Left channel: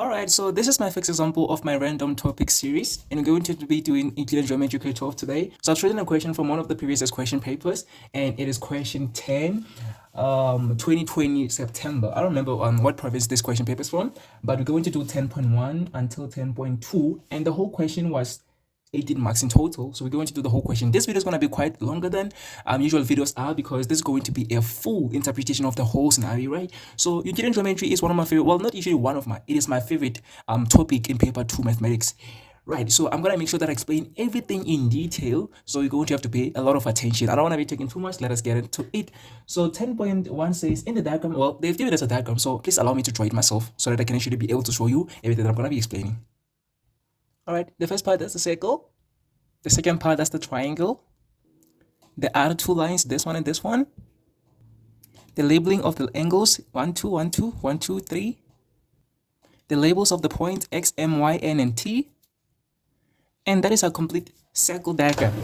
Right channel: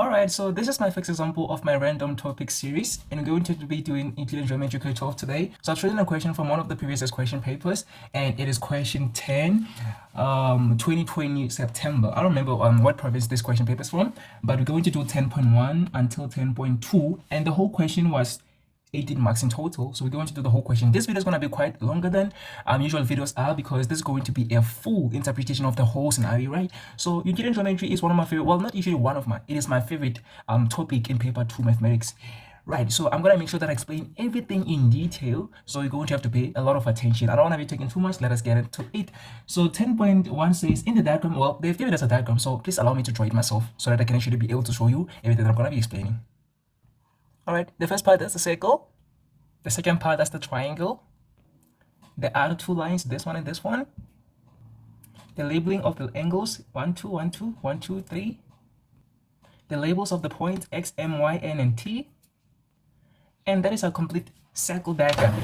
Alright, so this is my fixed example of my random topic series, and we're going to be doing Euclidean geometry grade 12 today. So I've chosen a question from one of the previous question papers, and it is question 10, 2020 September. I don't remember what province this question paper is from, but we're going to do 10.1 until 10.2, and the whole question was 18 marks in total. So we're going to do the whole question. This video is going to be quite longer than usual videos are, because this is going to be a full interpretation of the whole scenario, right? So Euclidean geometry is one of my favorite, well, not usually one of my, it is my favorite topic in paper 2 mathematics. Right, so I'm going to make sure that I explain everything in detail, so you're going to have to pay a lot of attention. I don't want to be taking too much. Let us get into it. So 10.1 says in the diagram, well, they've given us a diagram, so please allow me to draw it myself so that I can actually be able to show you everything that I'm going to be explaining. All right, the first part, that's the circle. The second part, that's the triangle. The other two lines, this one and this one. The labeling of the angles, 1, 2, 1, 2, 1, 2, 3. The labels of the points X, M, Y, N, and T. And that is a complete circle diagram.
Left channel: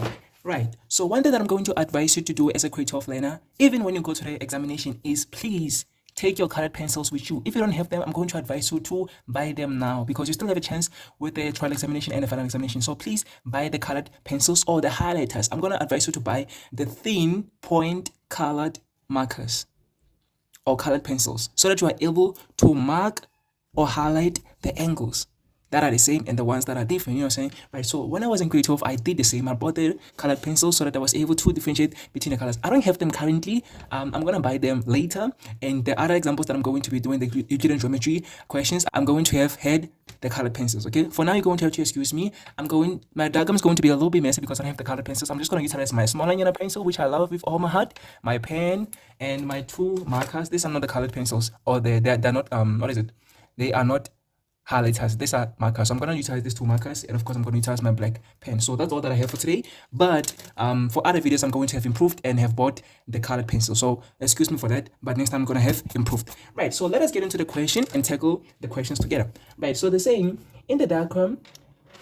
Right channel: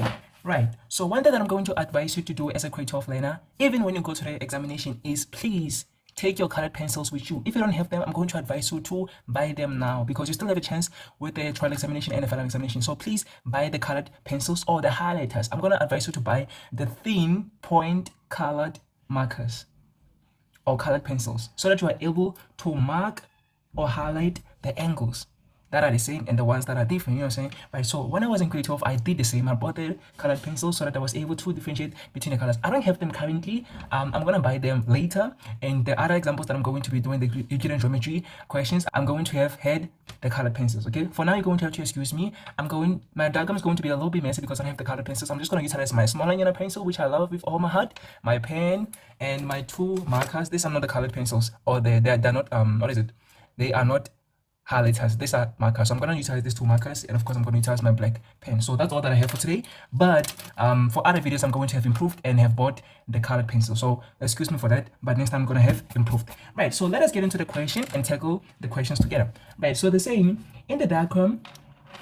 Right, so one thing that I'm going to advise you to do as a grade 12 learner, even when you go to the examination, is please take your colored pencils with you. If you don't have them, I'm going to advise you to buy them now, because you still have a chance with the trial examination and the final examination. So please buy the colored pencils or the highlighters. I'm going to advise you to buy the thin point colored markers or colored pencils, so that you are able to mark or highlight the angles that are the same and the ones that are different, you know what I'm saying? Right, so when I was in grade 12, I did the same. I bought the colored pencils so that I was able to differentiate between the colors. I don't have them currently. I'm going to buy them later. And the other examples that I'm going to be doing, the Euclidean geometry questions, I'm going to have had the colored pencils, okay? For now, you're going to have to excuse me. My diagram is going to be a little bit messy because I don't have the colored pencils. I'm just going to utilize my small linear pencil, which I love with all my heart, my pen, and my two markers. These are not the colored pencils, or they're not, what is it? They are not highlighters. These are markers. So I'm going to utilize these two markers, and of course I'm going to utilize my black pen. So that's all that I have for today. But for other videos, I'm going to have improved and have bought the colored pencil. So excuse me for that, but next time I'm going to have improved. Right, so let us get into the question and tackle the questions together. Right, so the same in the diagram,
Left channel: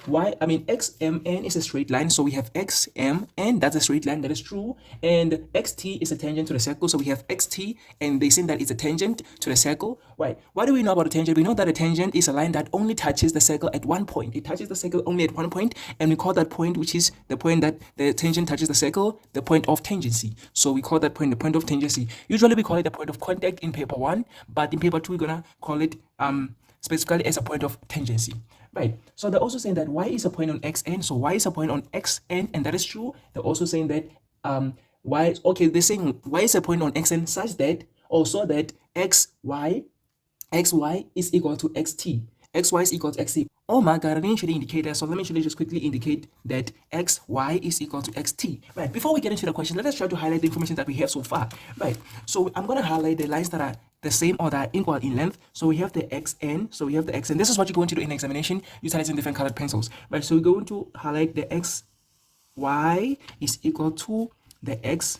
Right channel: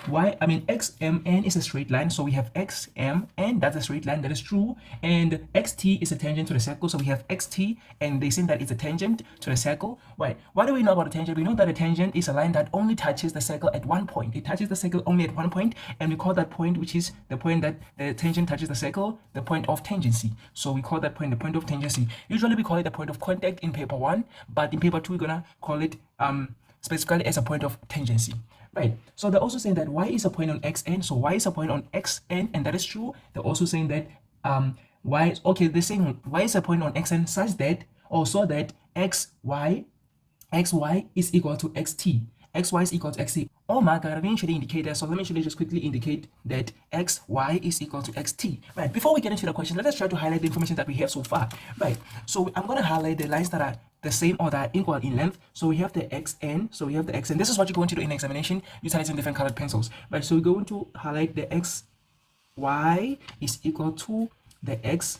XMN is a straight line, so we have XMN, that's a straight line, that is true, and XT is a tangent to the circle, so we have XT, and they say that it's a tangent to the circle. Right, what do we know about a tangent? We know that a tangent is a line that only touches the circle at one point. It touches the circle only at one point, and we call that point, which is the point that the tangent touches the circle, the point of tangency. So we call that point the point of tangency. Usually we call it the point of contact in paper 1, but in paper 2 we're gonna call it specifically as a point of tangency. Right, so they're also saying that y is a point on xn, so y is a point on xn, and that is true. They're also saying that they're saying y is a point on xn such that, also that xy is equal to xt. Xy is equal to xt. Oh my god, I didn't actually indicate that, so let me actually just quickly indicate that xy is equal to xt. Right, before we get into the question, let us try to highlight the information that we have so far. Right, so I'm going to highlight the lines that are the same or that are equal in length. So we have the xn, this is what you're going to do in examination utilizing different colored pencils. Right, so we're going to highlight the xy is equal to the xt.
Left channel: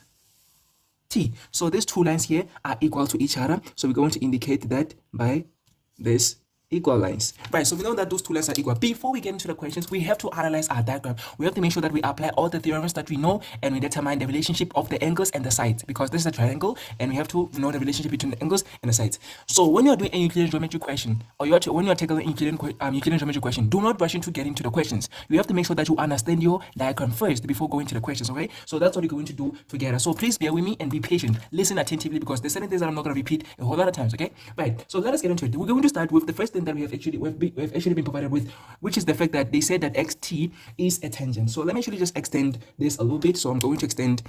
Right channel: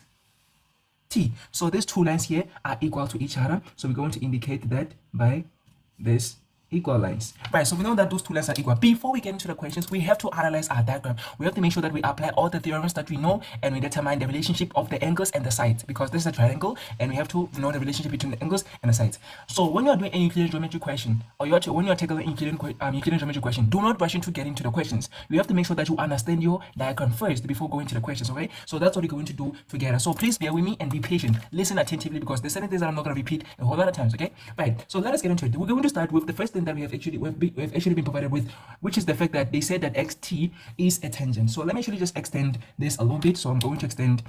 So these two lines here are equal to each other, so we're going to indicate that by this equal lines. Right, so we know that those two lines are equal. Before we get into the questions, we have to analyze our diagram. We have to make sure that we apply all the theorems that we know, and we determine the relationship of the angles and the sides, because this is a triangle and we have to know the relationship between the angles and the sides. So when you're doing a Euclidean geometry question, or when you're tackling Euclidean geometry question, do not rush into getting to the questions. You have to make sure that you understand your diagram first before going to the questions, okay? So that's what you're going to do together. So please bear with me and be patient. Listen attentively, because there's certain things that I'm not going to repeat a whole lot of times, okay? Right, so let us get into it. We're going to start with the first thing that we've actually been provided with, which is the fact that they said that xt is a tangent. So let me actually just extend this a little bit. So I'm going to extend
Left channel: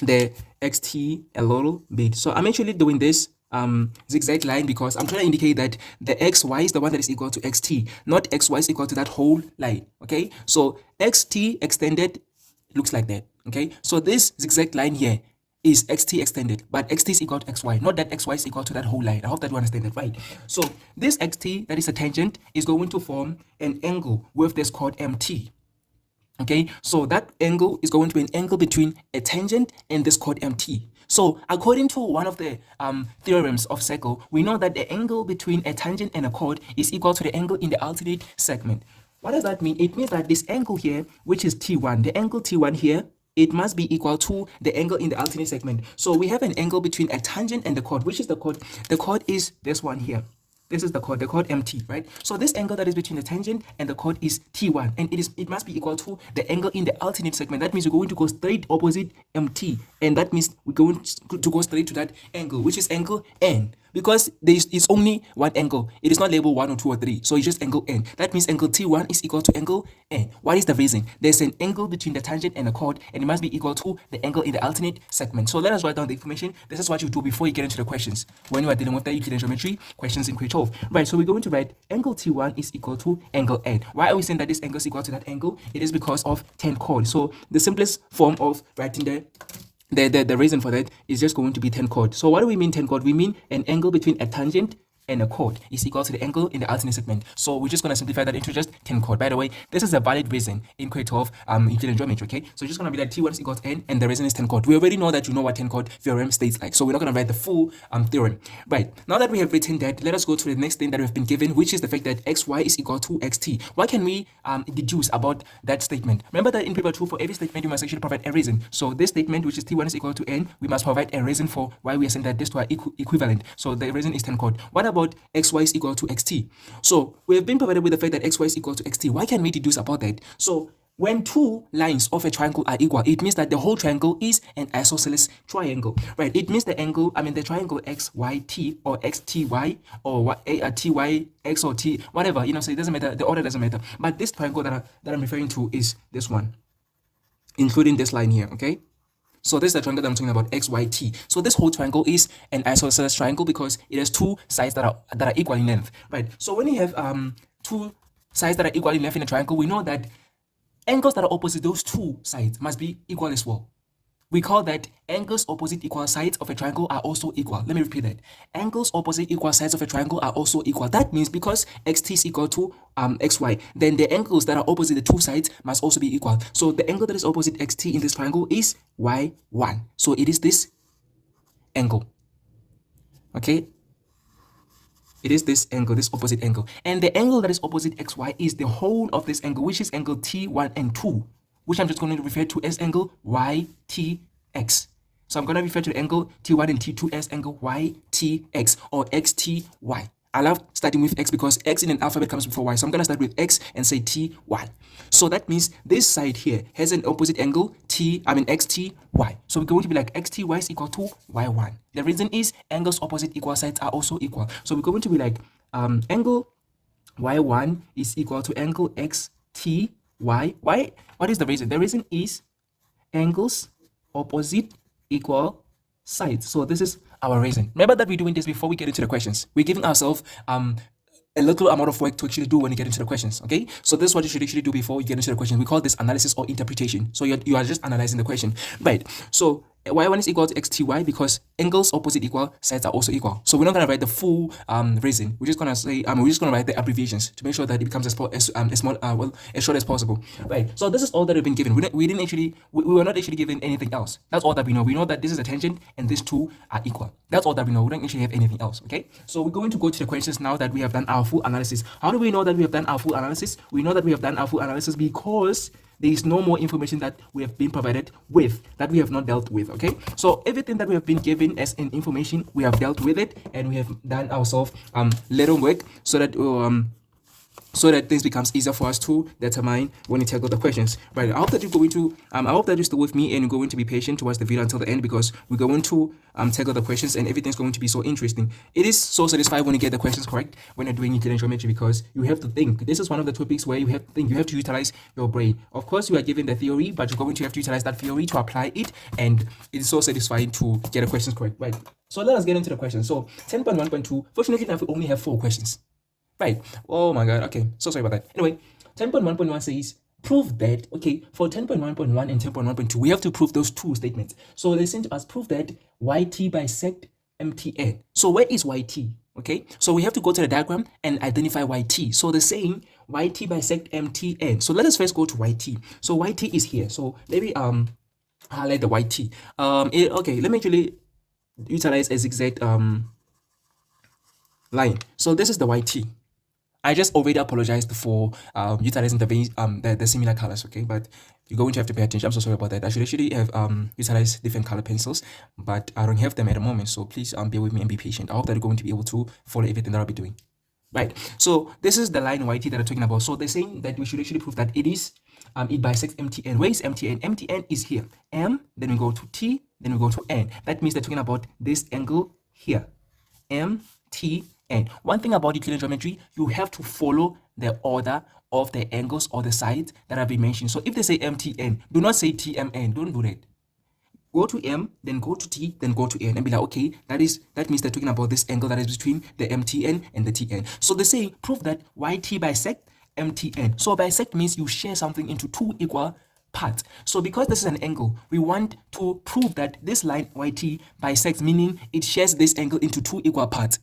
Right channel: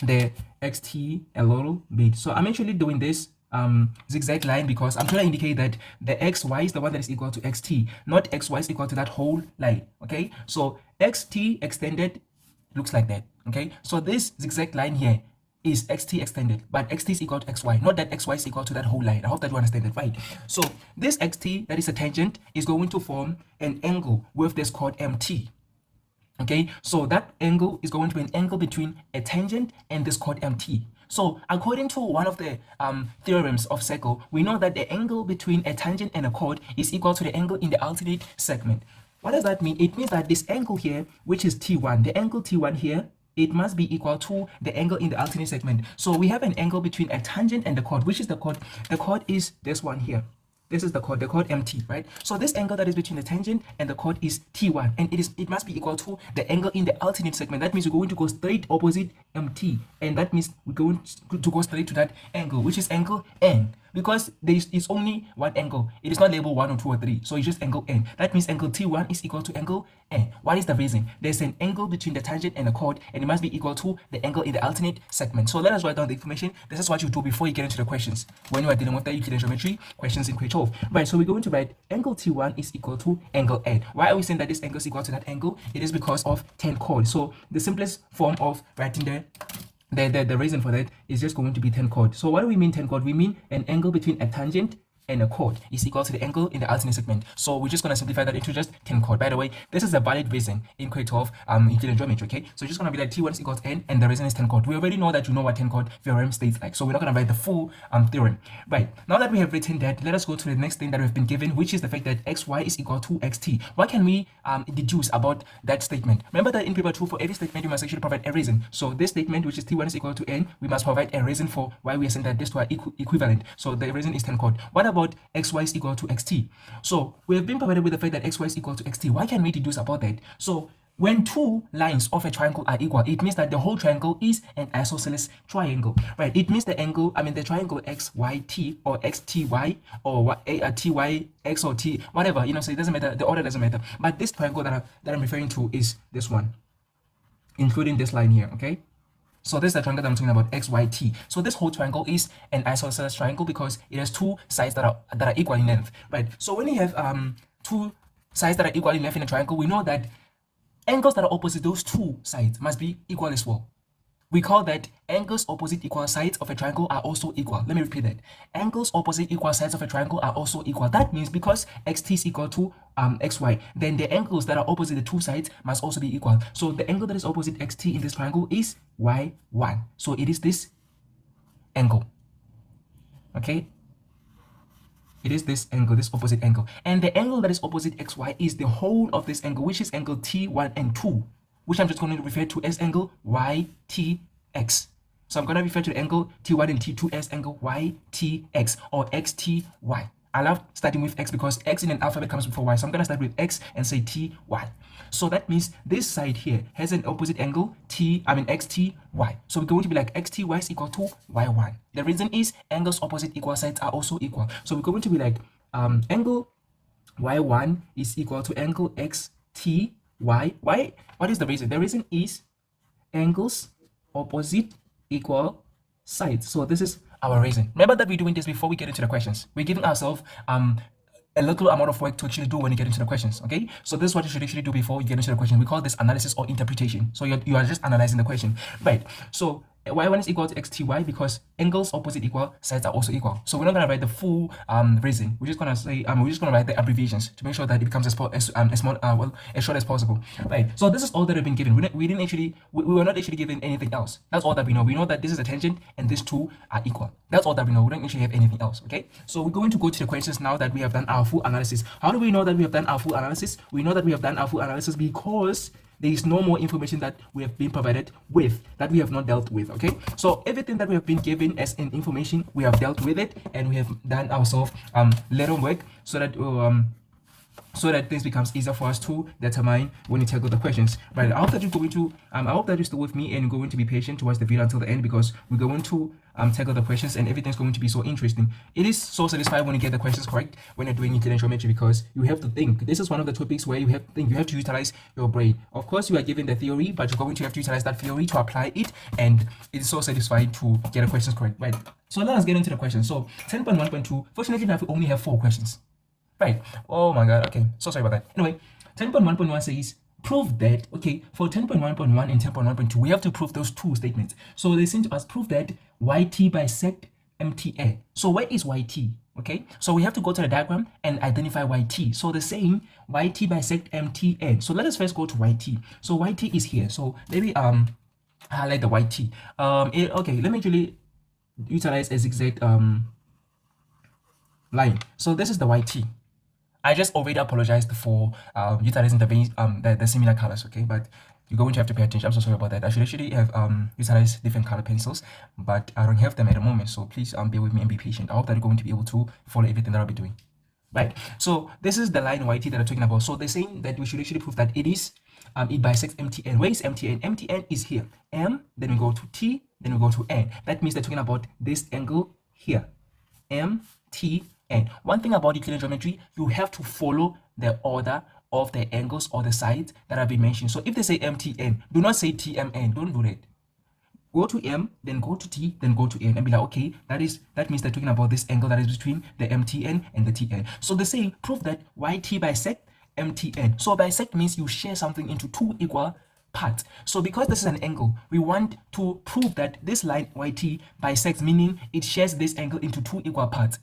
the xt a little bit. So I'm actually doing this zigzag line because I'm trying to indicate that the xy is the one that is equal to xt, not xy is equal to that whole line. Okay, so xt extended looks like that. Okay, so this zigzag line here is xt extended, but xt is equal to xy, not that xy is equal to that whole line. I hope that you understand that, right? So this xt, that is a tangent, is going to form an angle with this chord mt. Okay, so that angle is going to be an angle between a tangent and this chord mt. So according to one of the theorems of circle, we know that the angle between a tangent and a chord is equal to the angle in the alternate segment. What does that mean? It means that this angle here, which is t1, the angle t1 here, it must be equal to the angle in the alternate segment. So we have an angle between a tangent and the chord. Which is the chord? The chord is this one here. This is the chord MT, right? So this angle that is between the tangent and the chord is T1, and it must be equal to the angle in the alternate segment. That means we're going to go straight opposite MT, and that means we're going to go straight to that angle, which is angle N. Because it's only one angle. It is not labeled 1 or 2 or 3. So it's just angle N. That means angle T1 is equal to angle N. What is the reason? There's an angle between the tangent and the chord, and it must be equal to the angle in the alternate segment. So let us write down the information. This is what you do before you get into the questions. When you are dealing with the Euclidean geometry questions in grade 12. Right, so we're going to write angle T1 is equal to angle N. Why are we saying that this angle is equal to that angle? It is because of 10 chord. So the simplest form of writing the reason for that is just going to be 10 chord. So what do we mean 10 chord? We mean an angle between a tangent and a chord is equal to the angle in the alternate segment. So we're just going to simplify that into just 10 chord. By the way, this is a valid reason in grade 12 Euclidean geometry, okay? So just going to be like T1 is equal to N, and the reason is 10 chord. We already know that you know what 10 chord theorem states like, so we're not going to write the full theorem. Right, now that we have written that, let us go to the next thing that we've been given, which is the fact that xy is equal to xt. What can we deduce about that statement? Remember that in paper 2, for every statement you must actually provide a reason. So this statement, which is T1 is equal to N, we must provide a reason for why we are saying that these two are equivalent. So the reason is 10 chord. What about xy is equal to xt? So we have been provided with the fact that xy is equal to xt. What can we deduce about that? So when two lines of a triangle are equal, it means that the whole triangle is an isosceles triangle, right? It means the angle, the triangle xyt or xty or tyx or t, whatever, so it doesn't matter, the order doesn't matter. But this triangle that I'm referring to is this one, including this line here, okay? So this is the triangle that I'm talking about, xyt. So this whole triangle is an isosceles triangle because it has two sides that are equal in length, right? So when you have two sides that are equal in length in a triangle, we know that angles that are opposite those two sides must be equal as well. We call that angles opposite equal sides of a triangle are also equal. Let me repeat that. Angles opposite equal sides of a triangle are also equal. That means because xt is equal to xy, then the angles that are opposite the two sides must also be equal. So the angle that is opposite xt in this triangle is y1. So it is this angle. Okay? It is this angle, this opposite angle. And the angle that is opposite xy is the whole of this angle, which is angle T1 and 2, which I'm just going to refer to as angle YTX. So I'm going to refer to the angle T1 and T2 as angle YTX or XTY. I love starting with X because X in an alphabet comes before Y. So I'm going to start with X and say TY. So that means this side here has an opposite angle XTY. So we're going to be like XTY is equal to Y1. The reason is angles opposite equal sides are also equal. So we're going to be like angle Y1 is equal to angle XTY. Why? What is the reason? The reason is angles opposite equal sides. So this is our reason. Remember that we're doing this before we get into the questions. We're giving ourselves a little amount of work to actually do when you get into the questions, okay? So this is what you should actually do before you get into the question. We call this analysis or interpretation. So you are just analyzing the question, right? So y1 is equal to xty because angles opposite equal sides are also equal. So we're not going to write the full reason. We're just going to say we're just going to write the abbreviations to make sure that it becomes as short as possible, right? So this is all that we've been given. We were not actually given anything else. That's all that we know. We know that this is a tangent and these two are equal. That's all that we know. We don't actually have anything else, okay? So we're going to go to the questions now that we have done our full analysis. How do we know that we have done our full analysis? We know that we have done our full analysis because there is no more information that we have been provided with that we have not dealt with, okay? So everything that we have been given as an information, we have dealt with it, and we have done ourselves little work so that this becomes easier for us to determine when we tackle the questions. Right, I hope that you're going to I hope that you're still with me and you're going to be patient to watch the video until the end, because we're going to tackle the questions and everything's going to be so interesting. It is so satisfying when you get the questions correct when you're doing Euclidean geometry, because you have to think. This is one of the topics where you have to think, you have to utilize your brain. Of course, you are given the theory, but you're going to have to utilize that theory to apply it, and it is so satisfying to get the questions correct. Right, so let us get into the questions. So 10.1.2, fortunately enough, we only have 4 questions. Right. Oh my god. Okay. So sorry about that. Anyway, 10.1.1 says prove that, okay, for 10.1.1 and 10.1.2, we have to prove those two statements. So they sent to us, prove that YT bisect MTN. So where is YT? Okay. So we have to go to the diagram and identify YT. So the saying YT bisect MTN. So let us first go to YT. So YT is here. So maybe highlight the YT. Okay, let me actually utilize a zigzag line. So this is the YT. I just already apologized for utilizing the similar colors, okay? But you're going to have to pay attention. I'm so sorry about that. I should actually have utilized different color pencils, but I don't have them at the moment. So please bear with me and be patient. I hope that you're going to be able to follow everything that I'll be doing. right? So this is the line YT that I'm talking about. So they're saying that we should actually prove that it is it bisects MTN. Where is MTN? MTN is here. M, then we go to T, then we go to N. That means they're talking about this angle here. MTN. One thing about Euclidean geometry, you have to follow the order of the angles or the sides that have been mentioned. So if they say MTN, do not say TMN. Don't do that. Go to M, then go to T, then go to N, and be like, okay, that means they're talking about this angle that is between the MTN and the TN. So they say prove that YT bisect MTN. So bisect means you share something into two equal parts. So because this is an angle, we want to prove that this line YT bisects, meaning it shares this angle into two equal parts.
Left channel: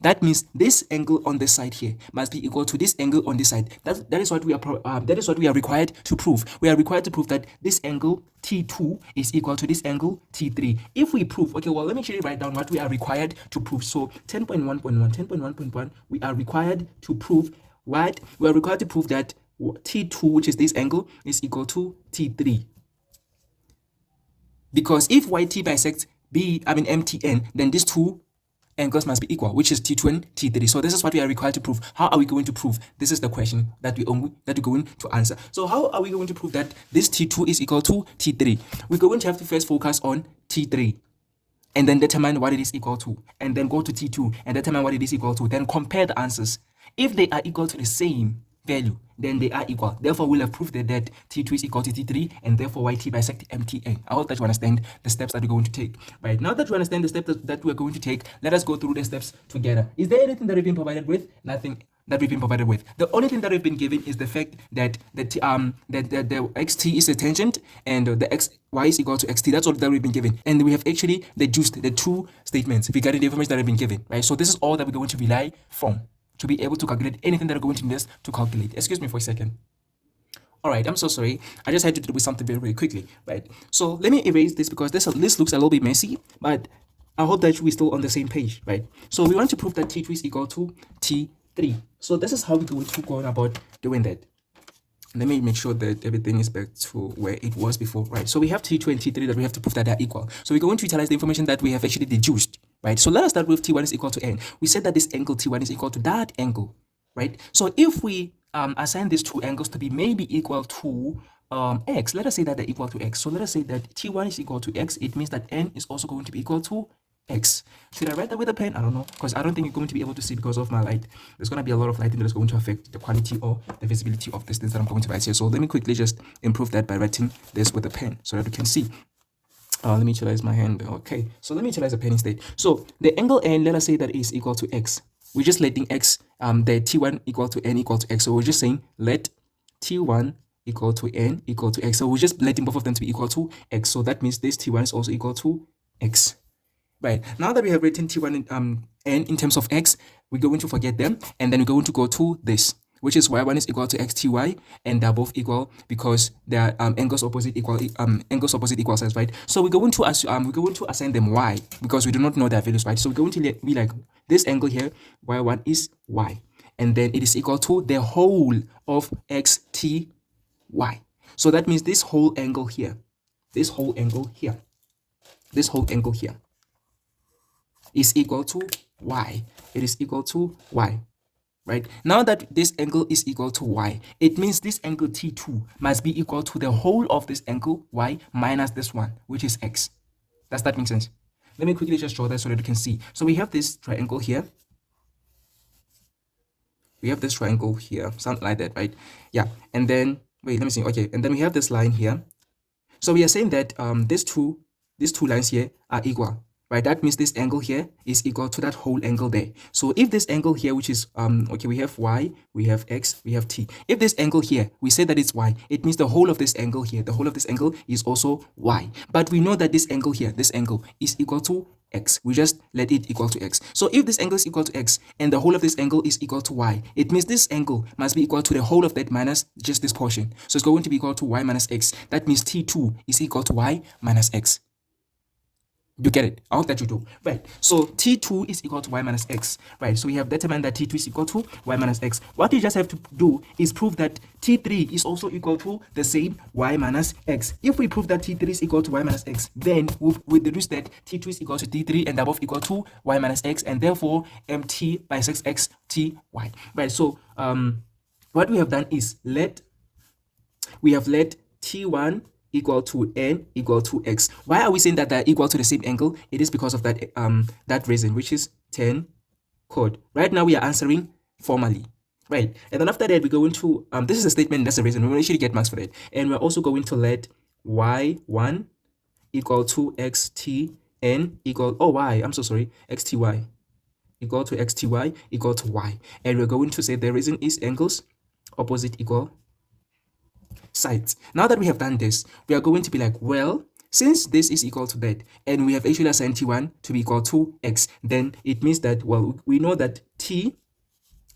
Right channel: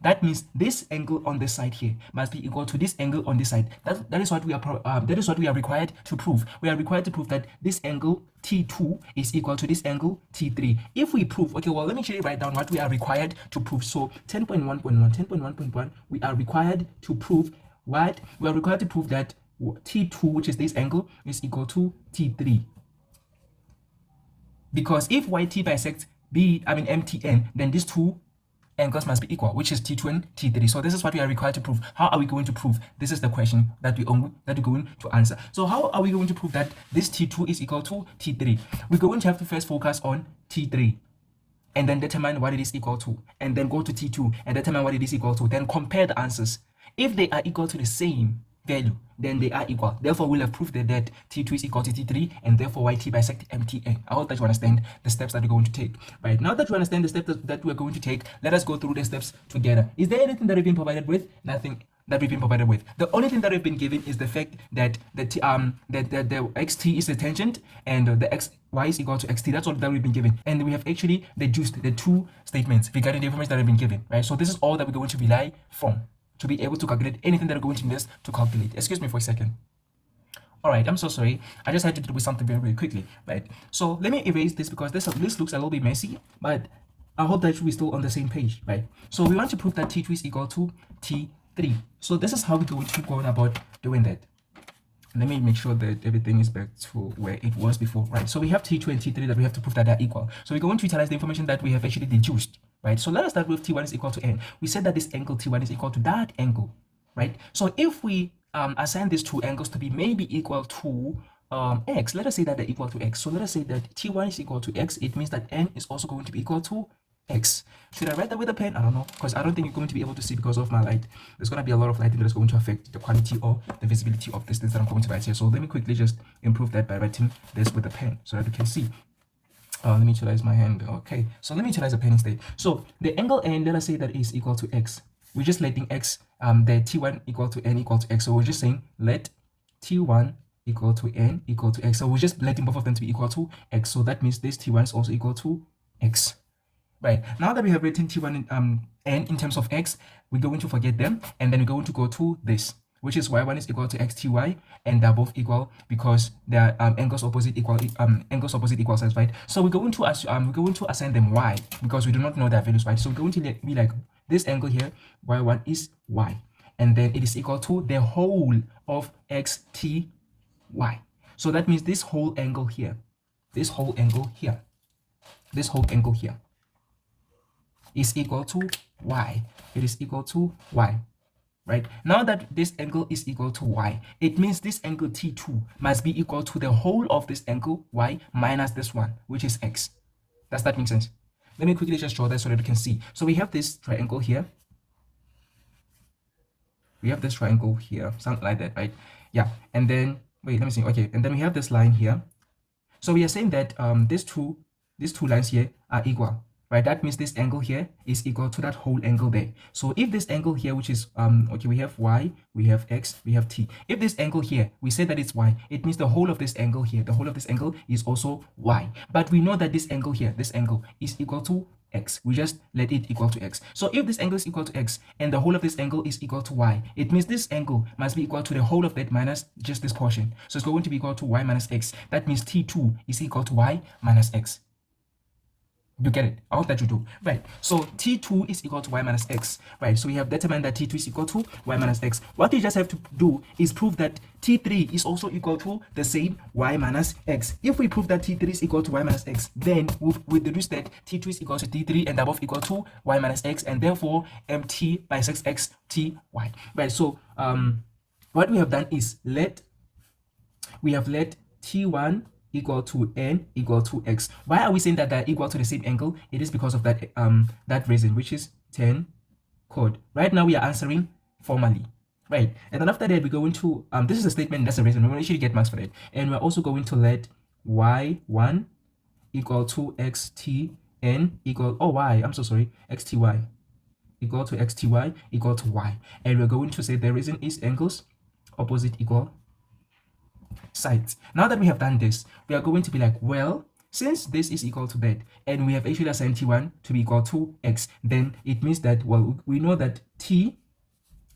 That means this angle on this side here must be equal to this angle on this side. That is what we are required to prove. We are required to prove that this angle T2 is equal to this angle T3. If we prove, okay, well, let me actually write down what we are required to prove. So 10.1.1, we are required to prove what? We are required to prove that T2, which is this angle, is equal to T3. Because if YT bisects MTN, then these two angles must be equal, which is T2 and T3. So this is what we are required to prove. How are we going to prove? This is the question that we're going to answer. So how are we going to prove that this T2 is equal to T3? We're going to have to first focus on T3 and then determine what it is equal to, and then go to T2 and determine what it is equal to, then compare the answers. If they are equal to the same value, then they are equal. Therefore, we'll have proved that T2 is equal to T3, and therefore YT bisect MTN. I hope that you understand the steps that we're going to take. Right, now that you understand the steps that we're going to take, let us go through the steps together. Is there anything that we've been provided with? Nothing that we've been provided with. The only thing that we've been given is the fact that the xt is a tangent and the xy is equal to xt. That's all that we've been given, and we have actually deduced the two statements regarding the information that have been given. Right, so this is all that we're going to rely from to be able to calculate anything that are going to need us to calculate. Excuse me for a second. All right, I'm so sorry. I just had to do with something very, very quickly, right? So let me erase this because this looks a little bit messy, but I hope that we're still on the same page, right? So we want to prove that T2 is equal to T3. So this is how we're going to go about doing that. Let me make sure that everything is back to where it was before, right? So we have T2 and T3 that we have to prove that they're equal. So we're going to utilize the information that we have actually deduced, right? So let us start with T1 is equal to N. We said that this angle T1 is equal to that angle, right? So if we assign these two angles to be maybe equal to x, let us say that they're equal to x. So let us say that T1 is equal to x. It means that N is also going to be equal to x. Should I write that with a pen? I don't know, because I don't think you're going to be able to see because of my light. There's going to be a lot of lighting that is going to affect the quality or the visibility of this thing that I'm going to write here. So let me quickly just improve that by writing this with a pen so that we can see. Let me utilize my hand. Okay, so let me utilize a pen instead. So the angle N, let us say that is equal to x. We're just letting x, the T1 equal to N equal to x. So we're just saying let T1 equal to N equal to x. So we're just letting both of them to be equal to x. So that means this T1 is also equal to x. Right, now that we have written T1 and N in terms of x, we're going to forget them, and then we're going to go to this, which is y1 is equal to xty, and they're both equal because they are angles opposite equal sides, right? So we're going to assign them y because we do not know their values, right? So we're going to be like this angle here, y1 is y, and then it is equal to the whole of xty. So that means this whole angle here, this whole angle here is equal to y. It is equal to y. Right, now that this angle is equal to y, it means this angle T2 must be equal to the whole of this angle y minus this one, which is x. Does that make sense? Let me quickly just draw that so that you can see. So we have this triangle here. We have this triangle here, something like that, right? Yeah, and then, wait, let me see. Okay, and then we have this line here. So we are saying that these two lines here are equal. Right, that means this angle here is equal to that whole angle there. So if this angle here, which is okay, we have y, we have x, we have t. If this angle here, we say that it's y, it means the whole of this angle here, the whole of this angle is also y. But we know that this angle here, this angle is equal to x. We just let it equal to x. So if this angle is equal to x and the whole of this angle is equal to y, it means this angle must be equal to the whole of that minus just this portion. So it's going to be equal to y minus x. That means T2 is equal to y minus x. You get it? I hope that you do. Right. So T2 is equal to y minus x. Right. So we have determined that T2 is equal to y minus x. What you just have to do is prove that T3 is also equal to the same y minus x. If we prove that T3 is equal to y minus x, then we deduce that T2 is equal to T3 and they're both equal to y minus x, and therefore mt bisects x ty. Right. So what we have done is let T1 equal to n equal to x. Why are we saying that they're equal to the same angle? It is because of that reason, which is 10 chord. Right now we are answering formally, right? And then after that we go into this is a statement, that's the reason we will actually get marks for it. And we're also going to let y1 equal to xtn equal xty equal to xty equal to y. And we're going to say the reason is angles opposite equal sides. Now that we have done this, we are going to be like, well, since this is equal to that, and we have actually assigned T1 to be equal to x, then it means that, well, we know that T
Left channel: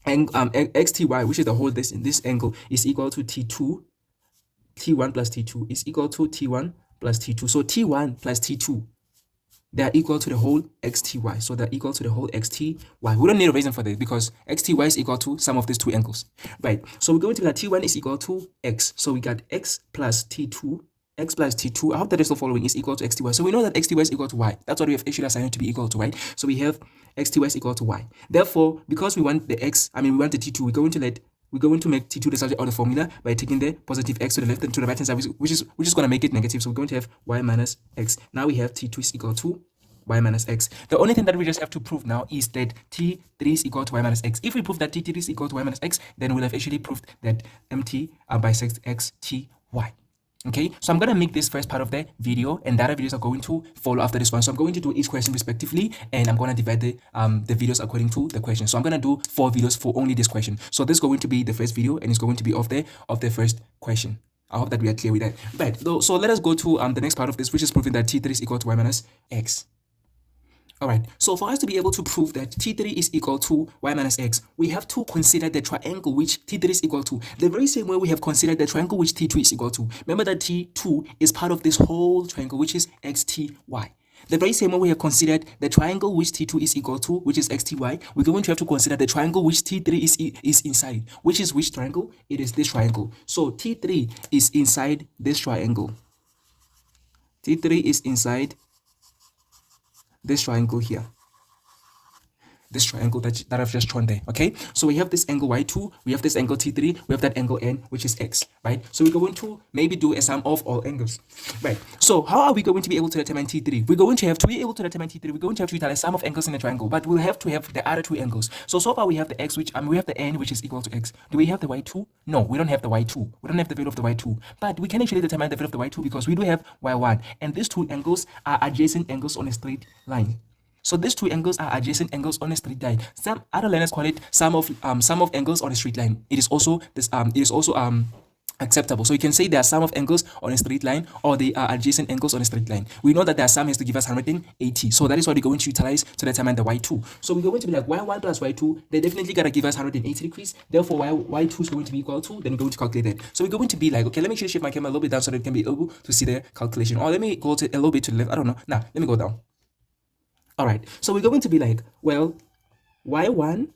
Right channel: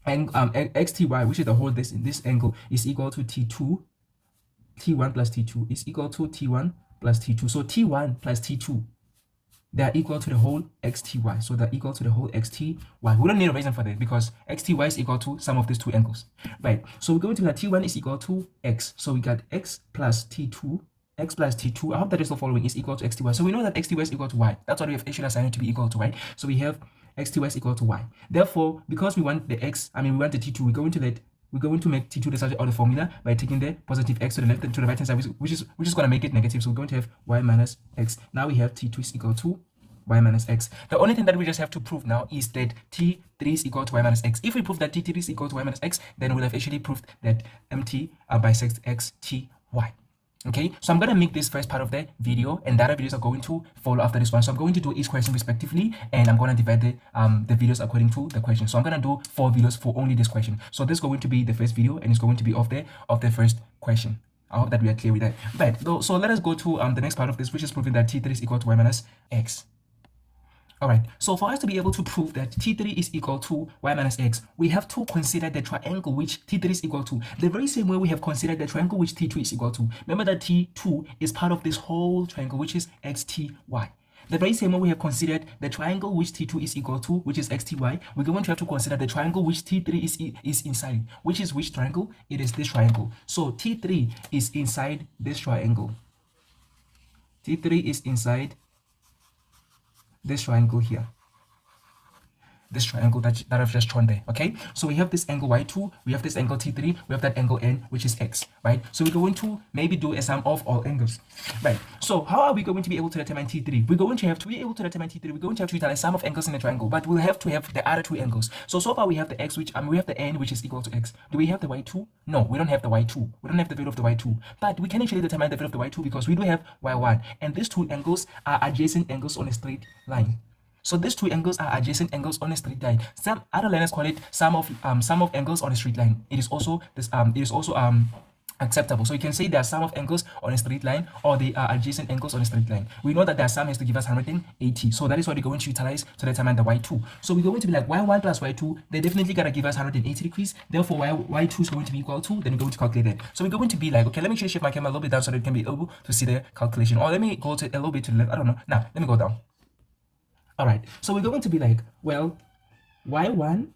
and xty, which is the whole this angle, is equal to T1 plus T2 is equal to T1 plus T2. So T1 plus T2, they are equal to the whole xty. So they're equal to the whole xty. We don't need a reason for this because xty is equal to sum of these two angles, right? So we're going to be like T1 is equal to x. So we got x plus T2. X plus T2, I hope that is still following, is equal to xty. So we know that xty is equal to y. That's what we have actually assigned it to be equal to, right? So we have xty is equal to y. Therefore, because we want the we want the T2, we're going to make T2 the subject of the formula by taking the positive x to the left and to the right hand side, which is going to make it negative. So we're going to have y minus x. Now we have T2 is equal to y minus x. The only thing that we just have to prove now is that T3 is equal to y minus x. If we prove that T3 is equal to y minus x, then we'll have actually proved that mt bisects x t y. Okay, so I'm going to make this first part of the video, and the other videos are going to follow after this one. So I'm going to do each question respectively, and I'm going to divide the videos according to the question. So I'm going to do 4 videos for only this question. So this is going to be the first video, and it's going to be of the first question. I hope that we are clear with that. Right, so let us go to the next part of this, which is proving that T3 is equal to y minus x. All right, so for us to be able to prove that T3 is equal to y minus x, we have to consider the triangle which T3 is equal to, the very same way we have considered the triangle which T2 is equal to. Remember that T2 is part of this whole triangle, which is xty. The very same way we have considered the triangle which T2 is equal to, which is xty, we're going to have to consider the triangle which T3 is inside, which is which triangle? It is this triangle. So T3 is inside this triangle. T3 is inside this triangle here, this triangle that I've just drawn there. Okay, so we have this angle y2, we have this angle T3, we have that angle n, which is x, right? So we're going to maybe do a sum of all angles, right? So how are we going to be able to determine T3? We're going to have to be able to determine T3. We're going to have to utilize sum of angles in the triangle, but we'll have to have the other two angles. So far we have the x, which we have the n, which is equal to x. Do we have the y2? No, we don't have the y2. We don't have the value of the y2, but we can actually determine the value of the y2 because we do have y1, and these two angles are adjacent angles on a straight line. So these two angles are adjacent angles on a straight line. Some other learners call it sum of angles on a straight line. It is also acceptable. So you can say there are sum of angles on a straight line, or they are adjacent angles on a straight line. We know that their sum has to give us 180. So that is what we're going to utilize to determine the y2. So we're going to be like y1 plus y2. They definitely gotta give us 180 degrees. Therefore, y2 is going to be equal to. Then we're going to calculate that. So we're going to be like, okay, let me shift my camera a little bit down so that you can be able to see the calculation. Or let me go to a little bit to the left. I don't know. Now let me go down. All right, so we're going to be like, well, y1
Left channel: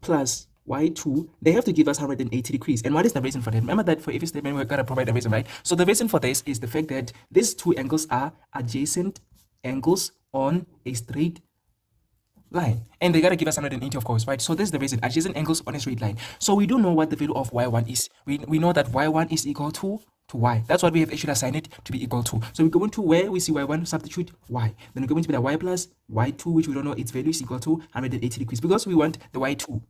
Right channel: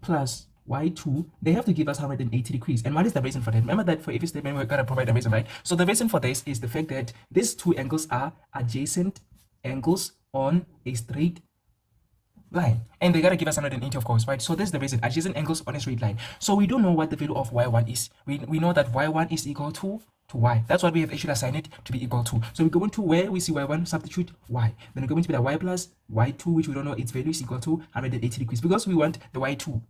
plus y2, they have to give us 180 degrees. And what is the reason for that? Remember that for every statement, we're going to provide the reason, right? So the reason for this is the fact that these two angles are adjacent angles on a straight line. And they got to give us 180, of course, right? So this is the reason, adjacent angles on a straight line. So we don't know what the value of y1 is. We know that y1 is equal to y. That's what we have actually assigned it to be equal to. So we're going to where we see y1, substitute y. Then we're going to be the y plus y2, which we don't know its value is equal to 180 degrees because we want the y2.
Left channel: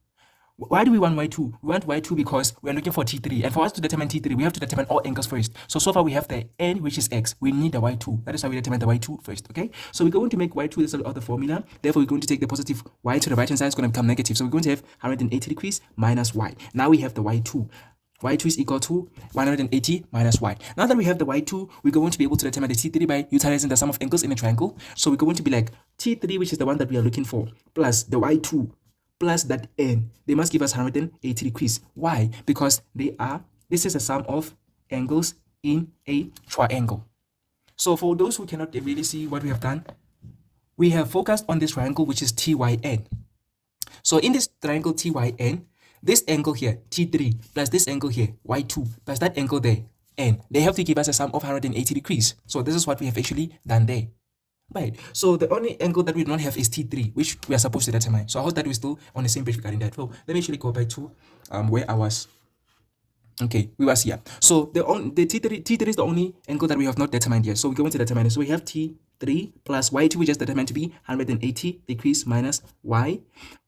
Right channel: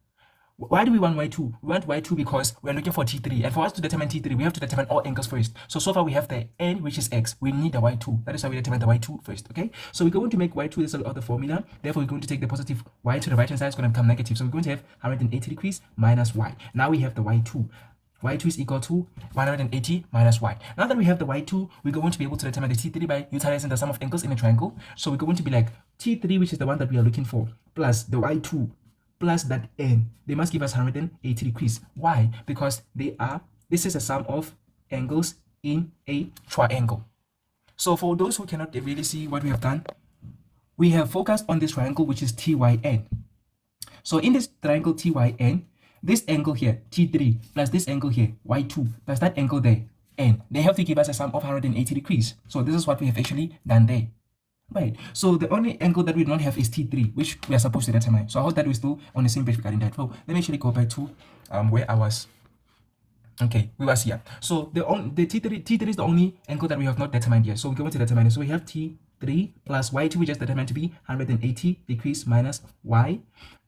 Why do we want y2? We want y2 because we're looking for T3. And for us to determine T3, we have to determine all angles first. So far we have the n, which is x. We need the y2. That is why we determine the y2 first, okay? So we're going to make y2 the subject of the formula. Therefore, we're going to take the positive y to the right hand side. It's going to become negative. So we're going to have 180 degrees minus y. Now we have the y2. y2 is equal to 180 minus y. Now that we have the y2, we're going to be able to determine the T3 by utilizing the sum of angles in a triangle. So we're going to be like T3, which is the one that we are looking for, plus the y2, plus that n. They must give us 180 degrees. Why? Because this is a sum of angles in a triangle. So for those who cannot really see what we have done, we have focused on this triangle, which is TYN. So in this triangle TYN, this angle here, T3, plus this angle here, Y2, plus that angle there, N, they have to give us a sum of 180 degrees. So this is what we have actually done there. Right. So the only angle that we don't have is T3, which we are supposed to determine. So I hope that we're still on the same page regarding that. Well, let me actually go back to where I was. Okay, we was here. So the T3 is the only angle that we have not determined yet. So we're going to determine it. So we have T3 plus Y2, we just determined to be 180 degrees minus Y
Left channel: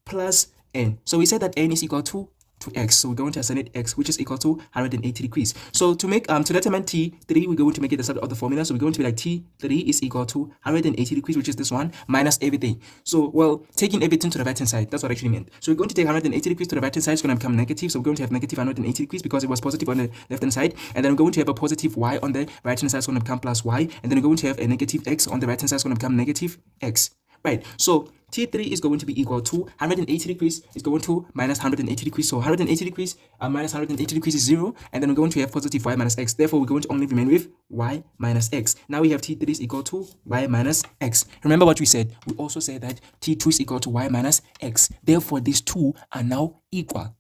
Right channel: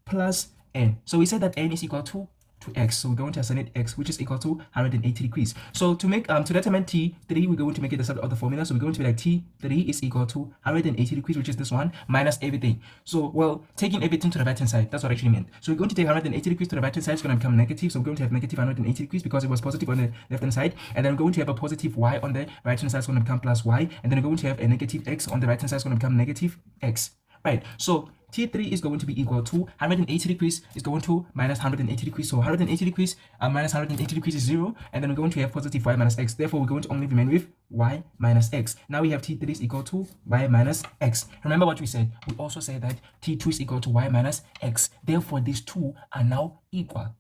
plus N. So we said that N is equal to X. So we're going to assign it X, which is equal to 180 degrees. So to make to determine T3, we're going to make it the side of the formula. So we're going to be like T3 is equal to 180 degrees, which is this one, minus everything. So, well, taking everything to the right hand side, that's what I actually meant. So we're going to take 180 degrees to the right hand side, it's going to become negative. So we're going to have negative 180 degrees because it was positive on the left hand side. And then we're going to have a positive Y on the right hand side, it's going to become plus Y. And then we're going to have a negative X on the right hand side, it's going to become negative X. Right, so T3 is going to be equal to 180 degrees is going to minus 180 degrees. So 180 degrees minus 180 degrees is 0. And then we're going to have positive Y minus X. Therefore, we're going to only remain with Y minus X. Now we have T3 is equal to Y minus X. Remember what we said? We also said that T2 is equal to Y minus X. Therefore, these two are now equal.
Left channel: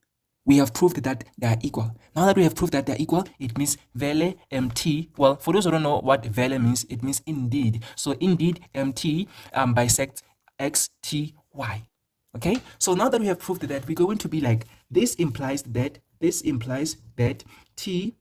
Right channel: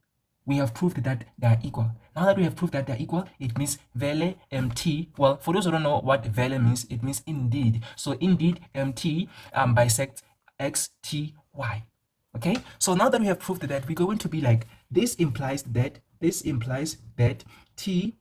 We have proved that they are equal. Now that we have proved that they are equal, it means vele MT. Well, for those who don't know what vele means, it means indeed. So indeed, MT bisects XTY. Okay. So now that we have proved that, we're going to be like, this implies that T3.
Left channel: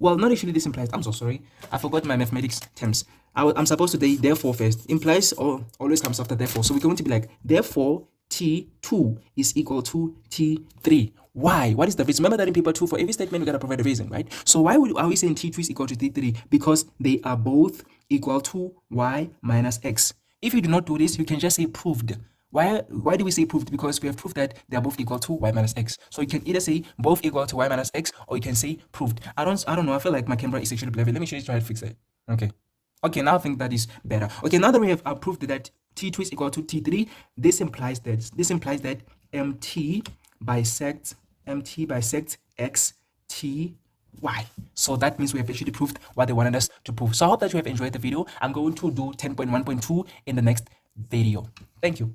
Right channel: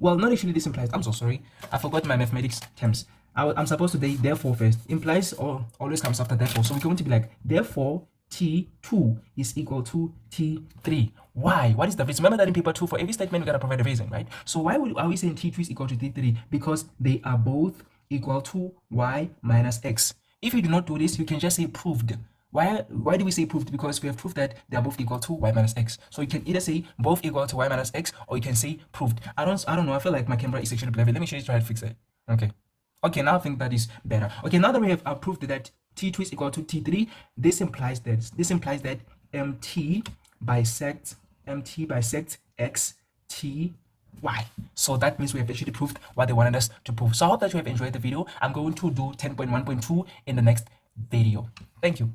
Well, not actually this implies. I'm so sorry. I forgot my mathematics terms. I'm supposed to say therefore first. Implies or always comes after therefore. So we're going to be like, therefore, T2 is equal to T3. Why? What is the reason? Remember that in paper 2, for every statement, we got to provide a reason, right? So why are we saying T2 is equal to T3? Because they are both equal to Y minus X. If you do not do this, you can just say proved. Why do we say proved? Because we have proved that they are both equal to Y minus X. So you can either say both equal to Y minus X, or you can say proved. I don't know. I feel like my camera is actually blurry. Let me try to fix it. Okay, now I think that is better. Okay, now that we have proved that T2 is equal to T3, this implies that MT bisects X T Y. So that means we have actually proved what they wanted us to prove. So I hope that you have enjoyed the video. I'm going to do 10.1.2 in the next video. Thank you.